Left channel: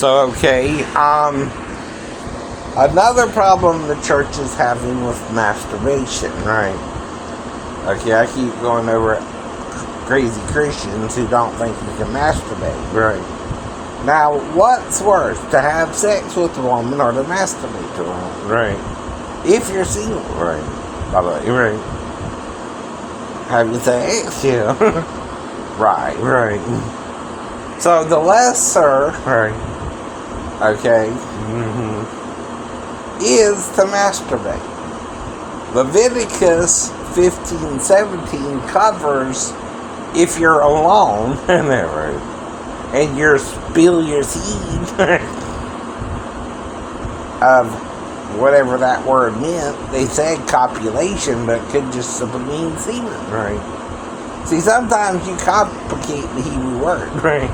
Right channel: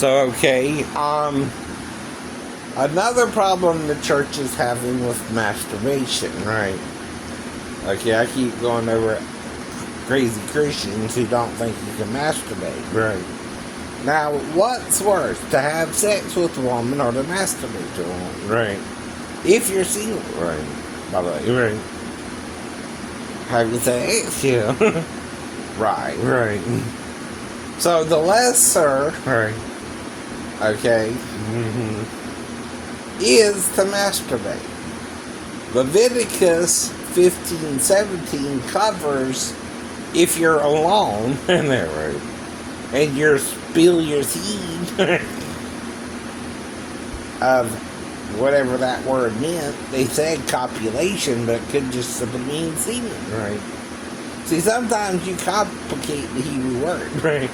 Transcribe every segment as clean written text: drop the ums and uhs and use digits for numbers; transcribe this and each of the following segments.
Okay, another problem the church is having with masturbation, right? Okay, I keep going over crazy Christians who don't think you can masturbate, right? Now, what's worse, to have sex with a woman or to masturbate to a woman, right? If you're single, right? By the way, right? Have you sex? Yeah. Right. So the lesser, right? Okay, is to masturbate. Leviticus 15:17 covers if you're alone, and you spill your seed of whatever that word meant. They said copulation, but it could just simply mean semen, right? See, sometimes you complicate the Hebrew word, right?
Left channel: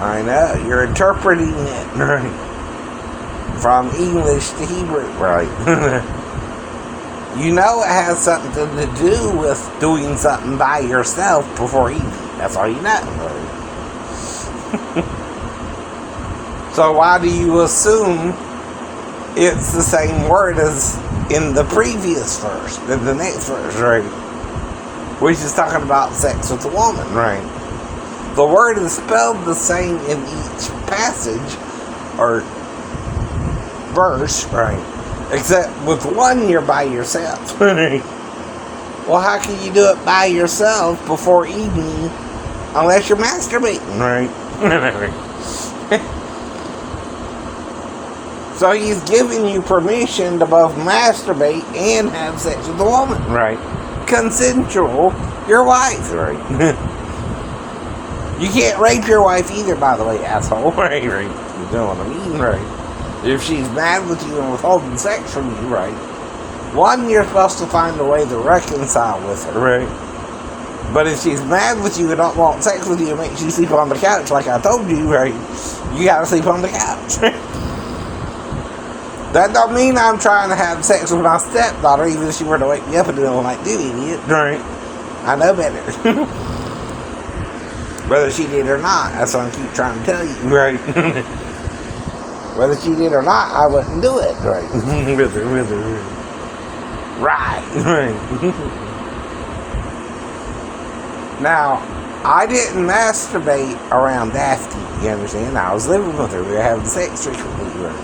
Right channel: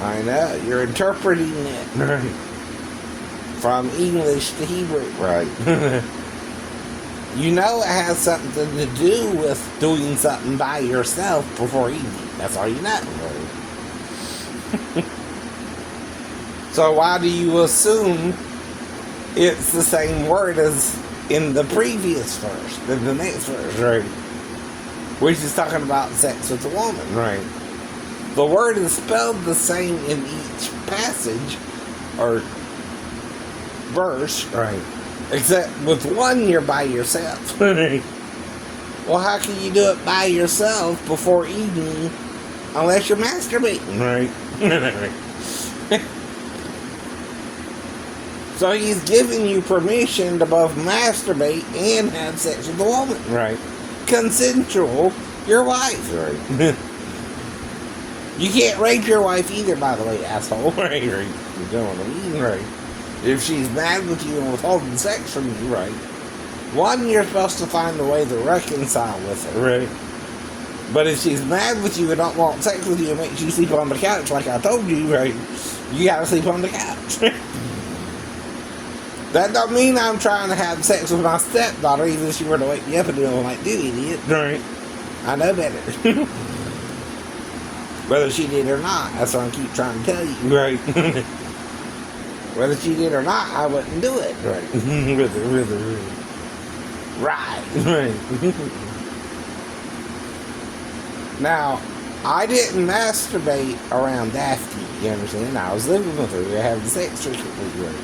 I know, you're interpreting it from English to Hebrew, right? You know it has something to do with doing something by yourself before eating. That's all you know, right? So why do you assume it's the same word as in the previous verse, in the next verse, right? Which is talking about sex with a woman, right? The word is spelled the same in each passage or verse, right? Except with one, you're by yourself. Well, how can you do it by yourself before eating unless you're masturbating, right? So he's giving you permission to both masturbate and have sex with a woman, right? Consensual, your wife, right? You can't rape your wife either, by the way, asshole. Right? You know what I mean, right? If she's mad with you and withholding sex from you, right? One, you're supposed to find a way to reconcile with her, right? But if she's mad with you and don't want sex with you and makes you sleep on the couch like I told you, right? You gotta sleep on the couch. That don't mean I'm trying to have sex with my stepdaughter, even if she were to wake me up in the middle of the night, idiot. Right? I know better. Whether she did or not, that's what I keep trying to tell you. Right. Whether she did or not, I wouldn't do it. Right. Really. Right. Now, I didn't masturbate around Daphne, you understand? I was living with her. We were having sex frequently with her.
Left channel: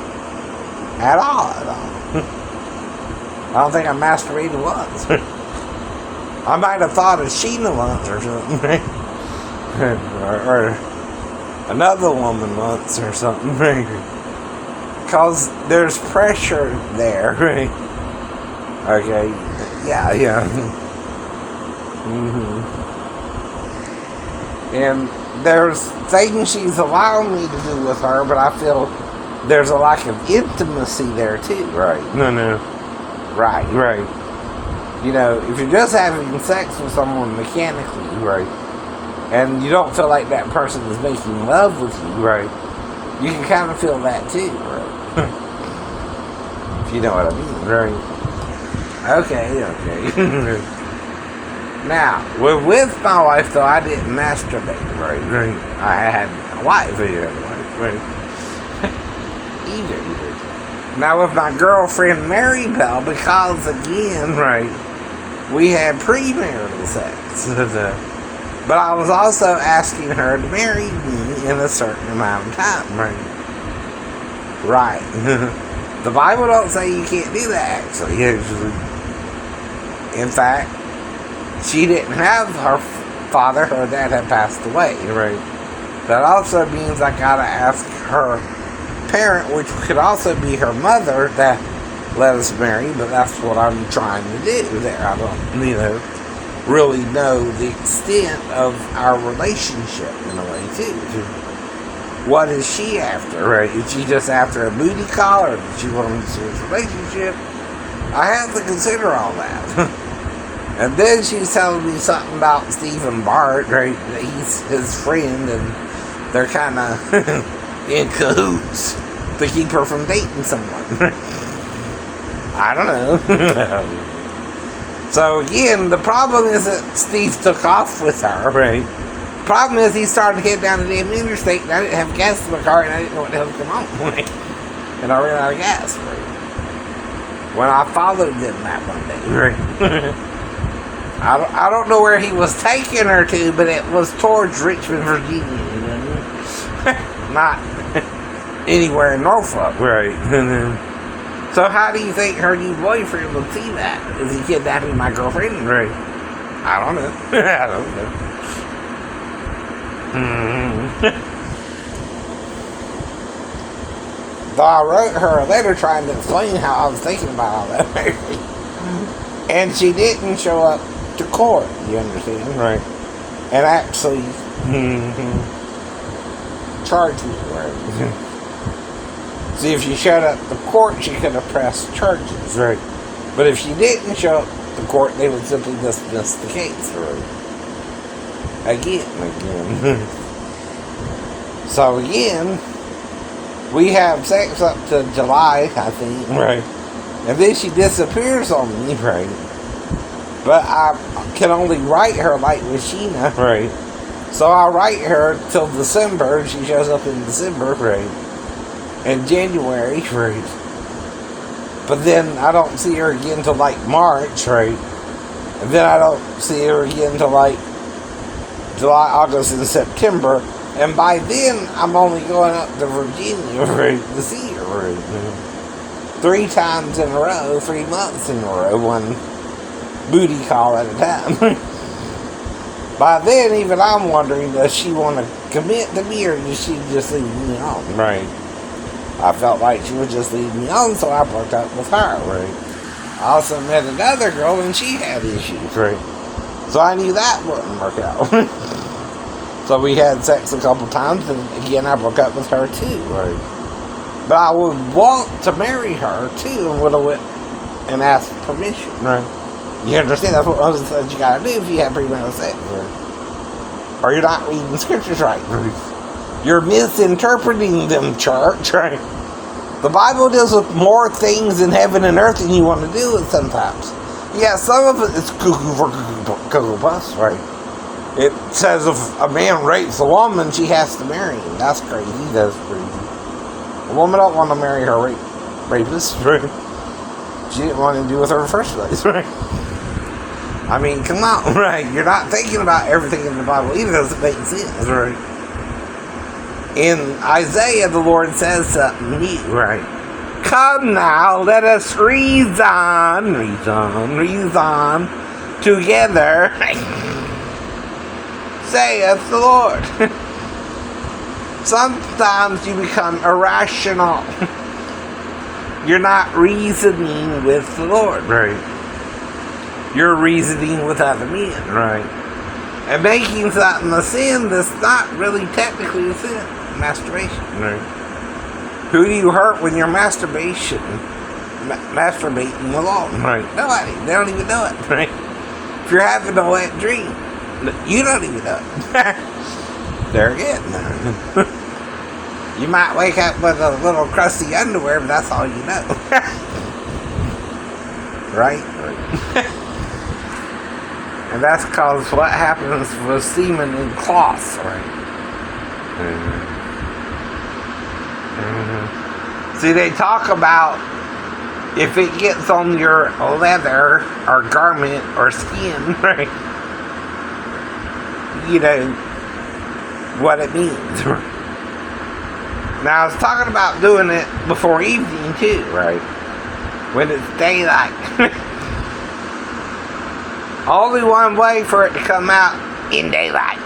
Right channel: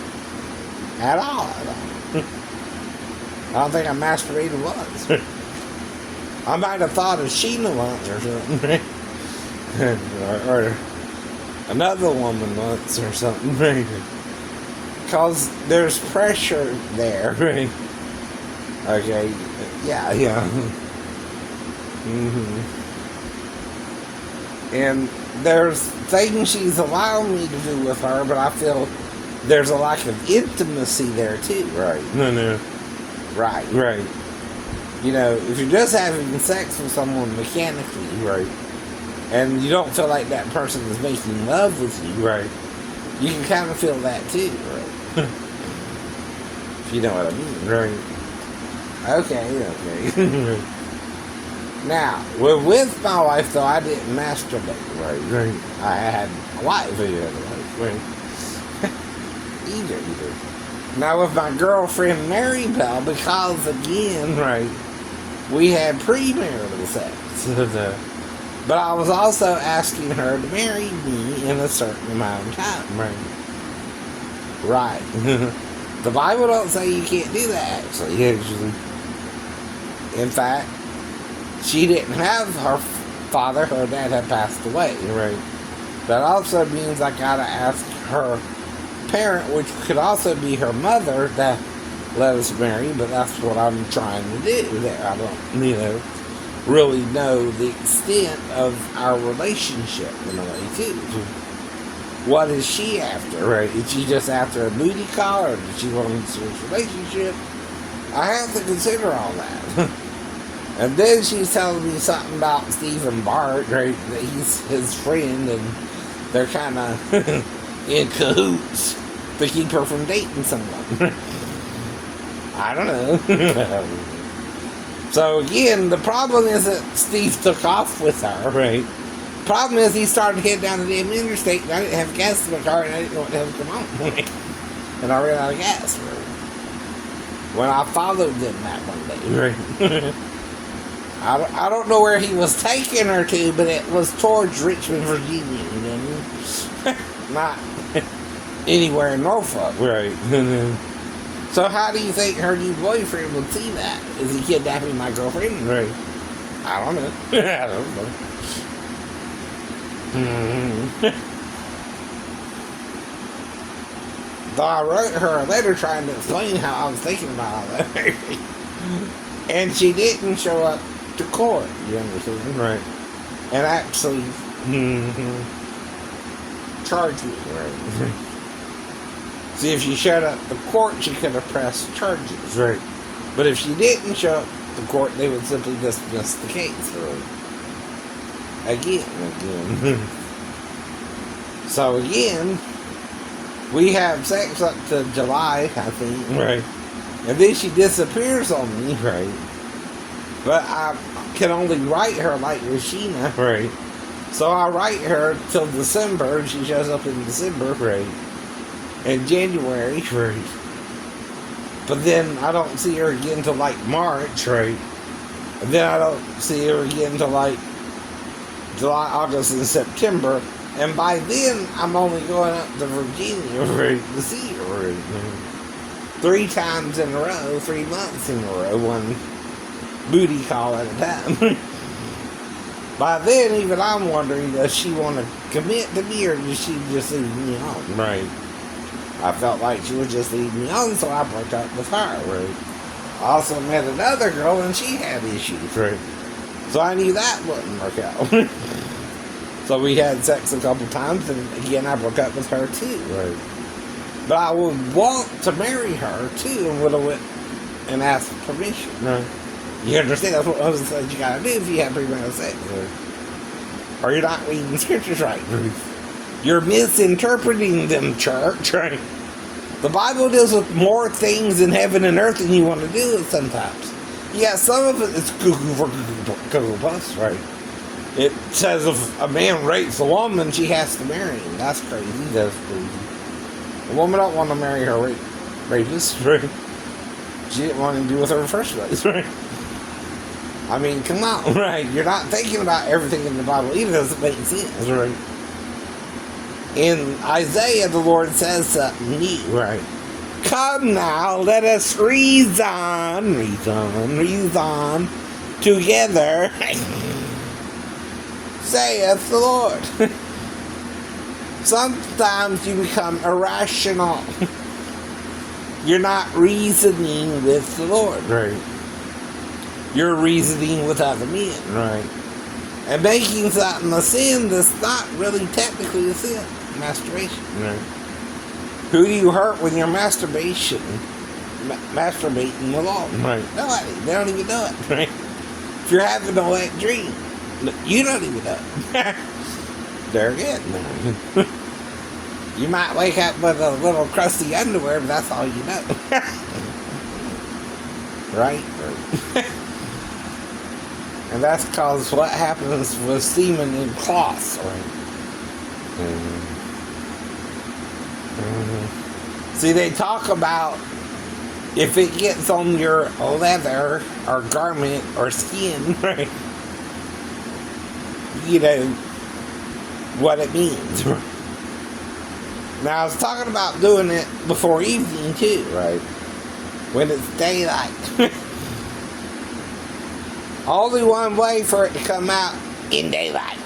At all. I don't think I masturbated once. I might have thought of Sheena once or something. or another woman once or something. Because there's pressure there. Okay. Yeah. And there's things she's allowing me to do with her, but I feel there's a lack of intimacy there too. Right. No. Right. You know, if you're just having sex with someone mechanically, right, and you don't feel like that person is making love with you, right, you can kind of feel that too, right? If you know what I mean, right? Okay. Now, with my wife, though, I didn't masturbate, right? I had a wife, right? Either. Now, with my girlfriend, Mary Bell, because, again, right, we had premarital sex. But I was also asking her to marry me in a certain amount of time, right? The Bible don't say you can't do that, actually. In fact, she didn't have her father. Her dad had passed away, right? That also means I gotta ask her parent, which could also be her mother, that let us marry, but that's what I'm trying to do there. I don't, really know the extent of our relationship in a way, too. What is she after, right? Is she just after a booty call, or does she want a serious relationship? I have to consider all that. And then she's telling me something about Stephen Bart, right? That he's his friend, and they're kind of in cahoots to keep her from dating someone. I don't know. So again, the problem is that Steve took off with her, right? Problem is, he started to head down the damn interstate, and I didn't have gas in my car, and I didn't know what the hell was going on. And I ran out of gas. When I followed them that Monday. I don't know where he was taking her to, but it was towards Richmond, Virginia. You know? Not anywhere in Norfolk. Right. So how do you think her new boyfriend would see that? Is he kidnapping my girlfriend? Right. I don't know. I don't know. Though I wrote her a letter trying to explain how I was thinking about all that. And she didn't show up to court, you understand? Right. And actually charged me. Right. See, if she showed up to court, she could have pressed charges. Right. But if she didn't show up to court, they would simply dismiss the case. Right. Again. So again, we have sex up to July, I think. Right. And then she disappears on me. Right. But I can only write her like with Sheena. Right. So I write her till December, and she shows up in December. Right. In January. Right. But then I don't see her again until like March. Right. And then I don't see her again until like July, August, and September. And by then, I'm only going up to Virginia to see her. Right. 3 times in a row, 3 months in a row, one booty call at a time. By then, even I'm wondering, does she want to commit to me, or does she just leave me on? Right. I felt like she would just leave me on, so I broke up with her. Right. I also met another girl, and she had issues. Right. So I knew that wouldn't work out. So we had sex a couple times, and again, I broke up with her too. Right. But I would want to marry her too, and would have went and asked permission. Right. You understand? That's what Moses said you gotta do if you have premarital sex. Right. Or you're not reading scriptures right. Right. You're misinterpreting them, church. Right. The Bible deals with more things in heaven and earth than you want to do with sometimes. Yeah, some of it is cuckoo for cuckoo puffs. Right. It says if a man rapes a woman, she has to marry him. That's crazy. That's crazy. A woman don't want to marry her rapist. Right. She didn't want to do with her in the first place. Right. I mean, come on. Right. You're not thinking about everything in the Bible either. It doesn't make sense. Right. In Isaiah, the Lord says something new. Right. Come now, let us reason together, saith the Lord. Sometimes you become irrational. You're not reasoning with the Lord. Right. You're reasoning with other men. Right. And making something a sin that's not really technically a sin. Masturbation. Right. Who do you hurt when you're masturbating alone? Right. Nobody. They don't even know it. Right. If you're having a wet dream, you don't even know it. There again. You might wake up with a little crusty underwear, but that's all you know. Right? Right. And that's because what happens with semen in cloths. Right. See, they talk about if it gets on your leather or garment or skin, Right. you know what it means. Now, I was talking about doing it before evening, too. Right. When it's daylight. Only one way for it to come out in daylight.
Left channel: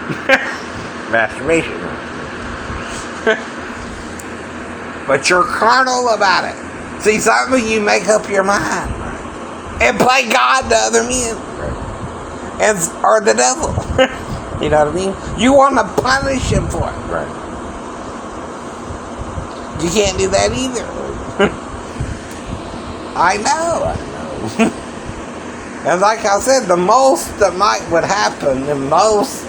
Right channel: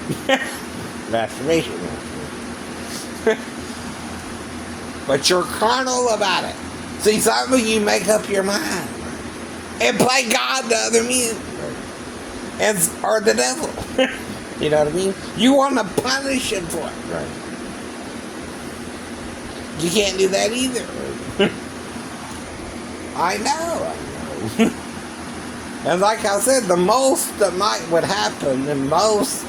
Masturbation. But you're carnal about it. See, some of you make up your mind and play God to other men. Or the devil. You know what I mean? You want to punish him for it. Right. You can't do that either. I know. And like I said, the most that would happen in most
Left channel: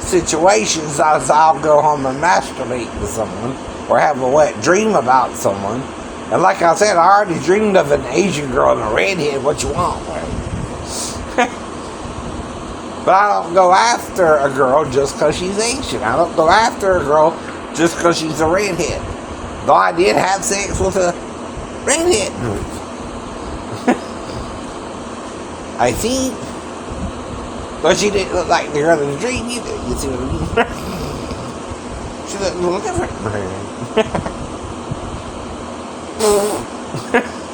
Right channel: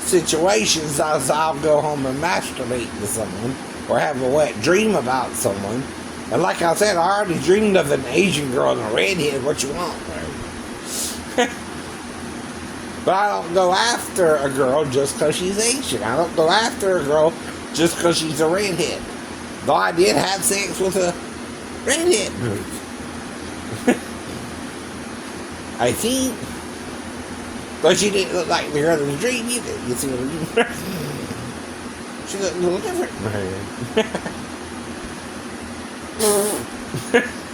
situations is I'll go home and masturbate with someone or have a wet dream about someone. And like I said, I already dreamed of an Asian girl and a redhead. What you want? But I don't go after a girl just because she's Asian. I don't go after a girl just because she's a redhead. Though I did have sex with a redhead. I think. But she didn't look like the girl in the dream either. You see what I mean? She looked a little different.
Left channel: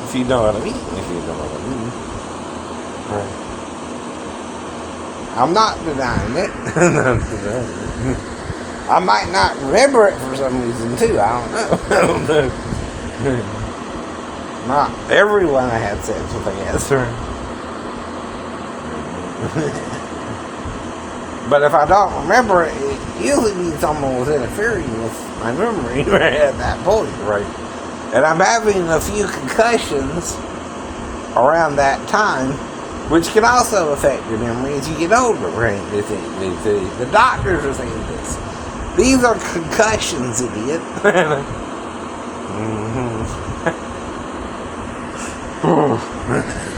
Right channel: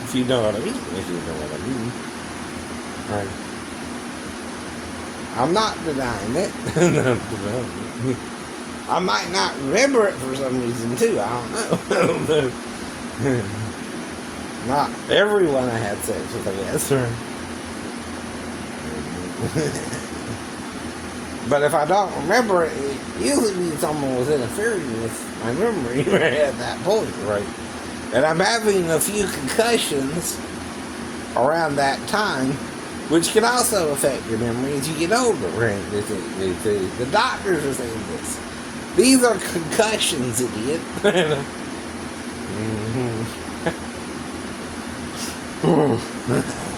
If you know what I mean. If you know what I mean. Right. I'm not denying it. I might not remember it for some reason too. I don't know. I don't know. Not everyone I had sex with, I guess. But if I don't remember it, it usually means someone was interfering with my memory right at that point, right? And I'm having a few concussions around that time, which can also affect your memory as you get older, right? The doctors are saying this. These are concussions, idiot.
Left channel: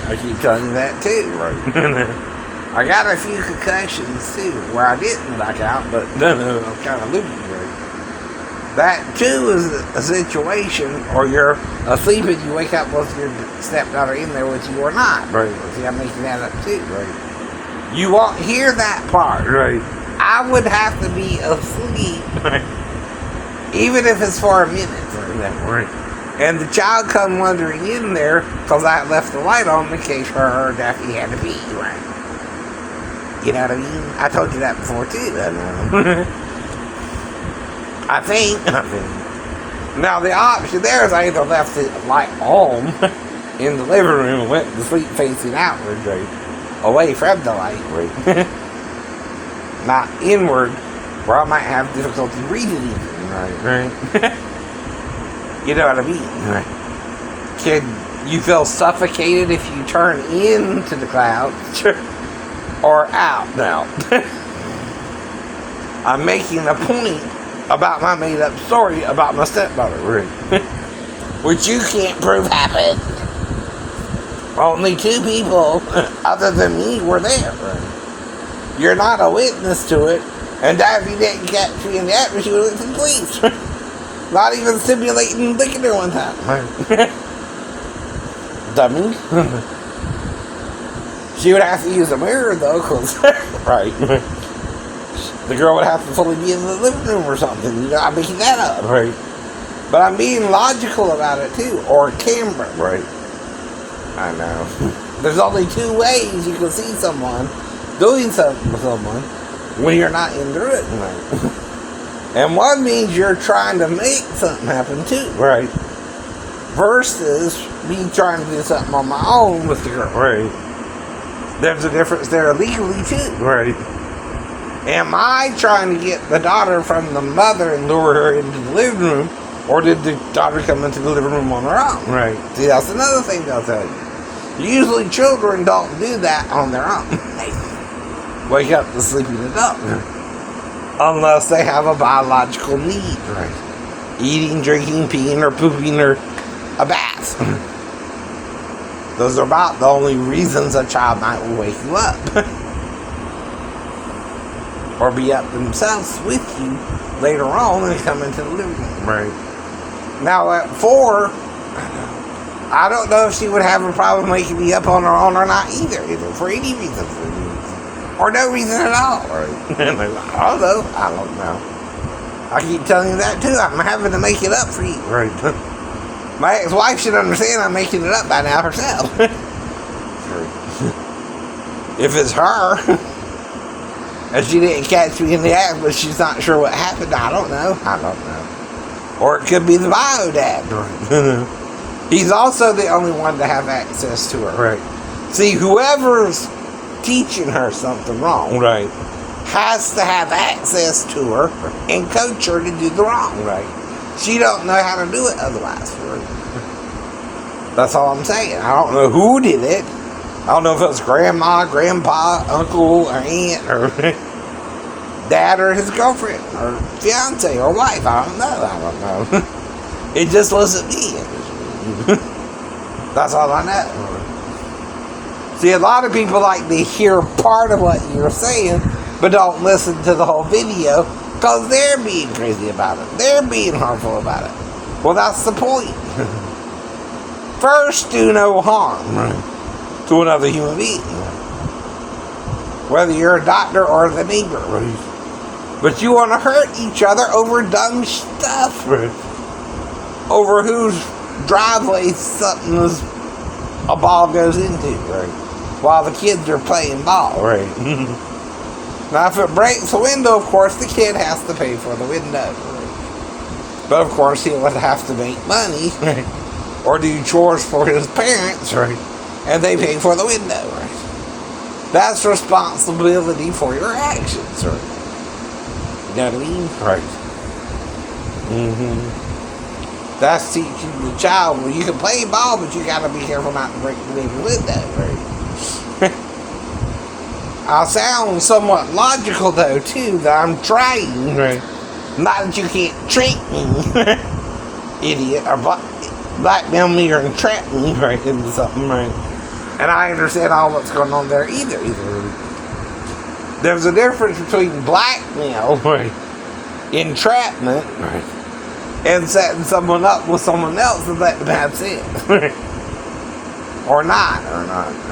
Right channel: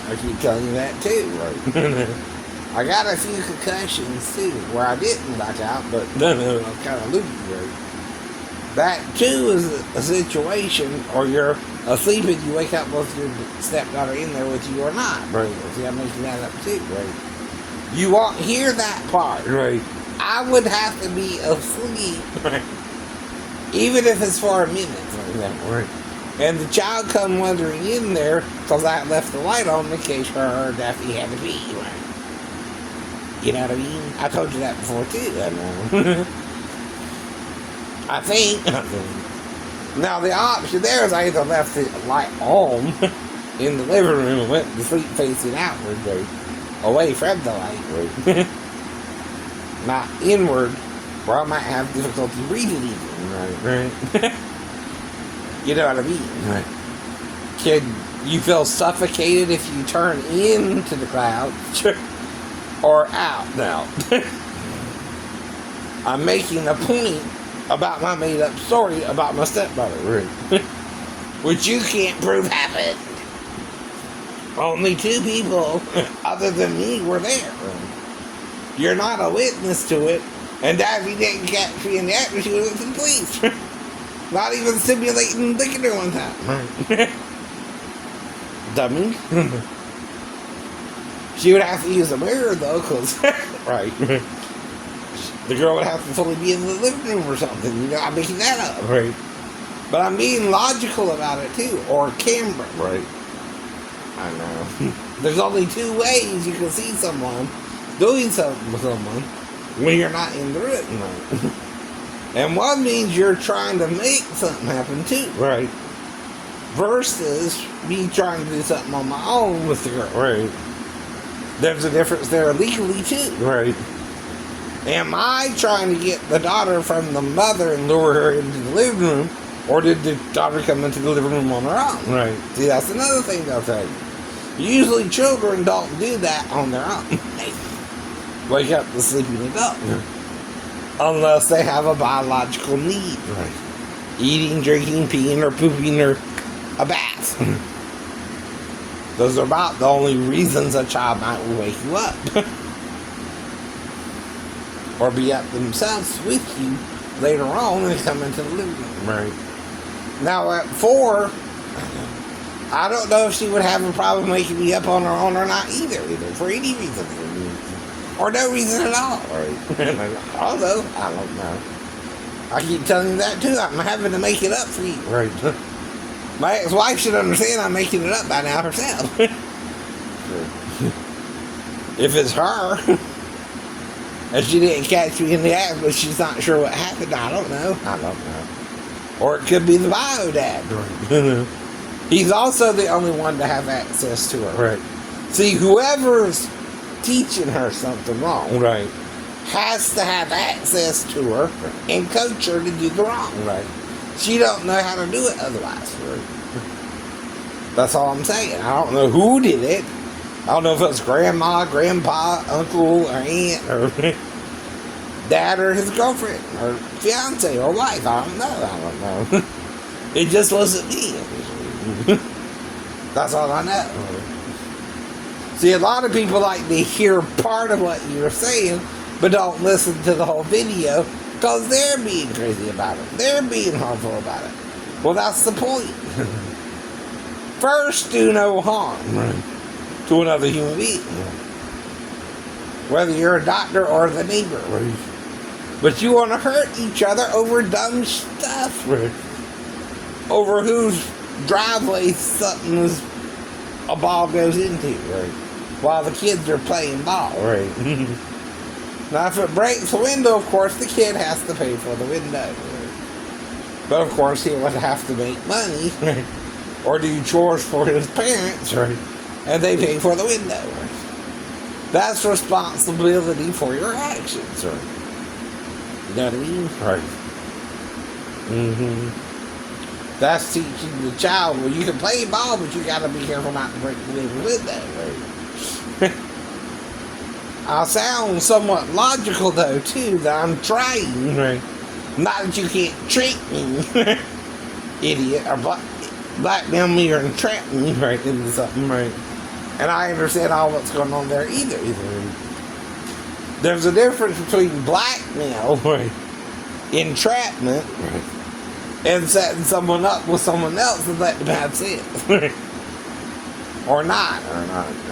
I keep telling you that too, right? I got a few concussions too, where I didn't back out, but I'm kind of loopy, right? That too is a situation, or you're asleep and you wake up with your stepdaughter in there with you or not, right? See, I'm making that up too, right? You won't hear that part, right? I would have to be asleep, right? Even if it's for a minute, right? And the child come wandering in there because I left the light on in case her or Daphne had to pee, right? You know what I mean? I told you that before too. I think. Now the option there is I either left the light on in the living room and went to sleep facing outward, right? Away from the light, right? Not inward, where I might have difficulty breathing even, right? You know what I mean? Right. Can you feel suffocated if you turn into the clouds? Or out now. I'm making a point about my made-up story about my stepdaughter, which you can't prove happened. Only 2 people, other than me, were there. You're not a witness to it, and Daphne didn't catch me in the act, she went to the police. Not even simulating licking her one time. Dummy. She would have to use a mirror though, cause right, the girl would have to fully be in the living room or something. You know, I'm making that up, right? But I'm being logical about it too, or a camera, right? I know. There's only 2 ways you can see someone doing something with someone when you're not in the room, right? And one means you're trying to make something happen too, right? Versus me trying to do something on my own with the girl, right? There's a difference there legally too, right? Am I trying to get the daughter from the mother and lure her into the living room, or did the daughter come into the living room on her own? Right. See, that's another thing I'll tell you. Usually children don't do that on their own. Wake up the sleeping adult. Unless they have a biological need, right? Eating, drinking, peeing, or pooping, or a bath. Those are about the only reasons a child might wake you up. Or be up themselves with you later on and come into the living room. Right. Now at 4, I don't know if she would have a problem waking me up on her own or not either for any reason. Or no reason at all. Right. I don't know. I don't know. I keep telling you that too. I'm having to make it up for you. Right. My ex-wife should understand I'm making it up by now herself. If it's her, and she didn't catch me in the act, but she's not sure what happened, I don't know. Or it could be the bio dad. He's also the only one to have access to her. Right. See, whoever's teaching her something wrong, right, has to have access to her and coach her to do the wrong. Right. She don't know how to do it otherwise. Right. That's all I'm saying. I don't know who did it. I don't know if it was grandma, grandpa, uncle, or aunt, or dad, or his girlfriend, or fiance, or wife. I don't know. It just wasn't me. That's all I know. See, a lot of people like to hear part of what you're saying, but don't listen to the whole video because they're being crazy about it. They're being harmful about it. Well, that's the point. First, do no harm to another human being, whether you're a doctor or the neighbor. But you want to hurt each other over dumb stuff, over whose driveway a ball goes into, while the kids are playing ball, Now, if it breaks a window, of course, the kid has to pay for the window, But, of course, he would have to make money, or do chores for his parents, And they pay for the window, That's responsibility for your actions, You know what I mean? That's teaching the child, well, you can play ball, but you gotta be careful not to break the window, I'll sound somewhat logical, though, too, that I'm trying, Not that you can't trick me, idiot, or blackmail me or entrap me, into something, And I understand all what's going on there either. There's a difference between blackmail, entrapment, and setting someone up with someone else and letting them have sex. or not.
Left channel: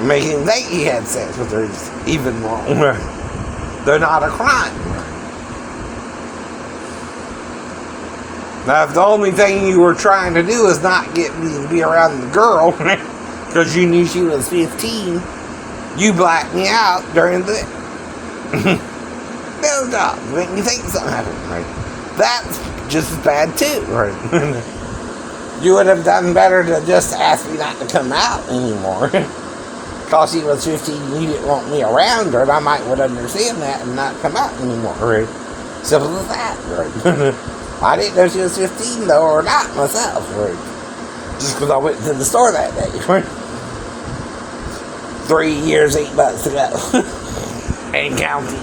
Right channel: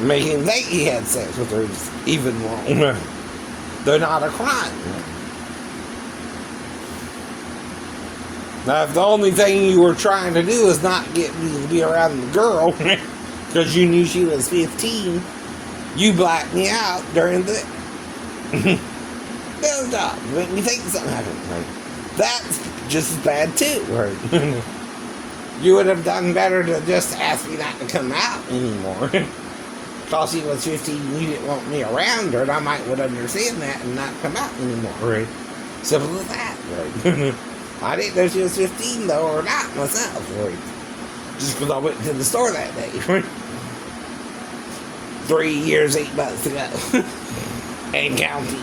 Making them think he had sex with her is even wrong. They're not a crime. Now, if the only thing you were trying to do is not get me to be around the girl, because you knew she was 15, you blacked me out during the no job. Make me think something happened, That's just as bad too, You would have done better to just ask me not to come out anymore. Because she was 15 and you didn't want me around her, and I would understand that and not come out anymore, Simple as that, I didn't know she was 15 though, or not myself, Just because I went to the store that day, 3 years, 8 months ago. And counting.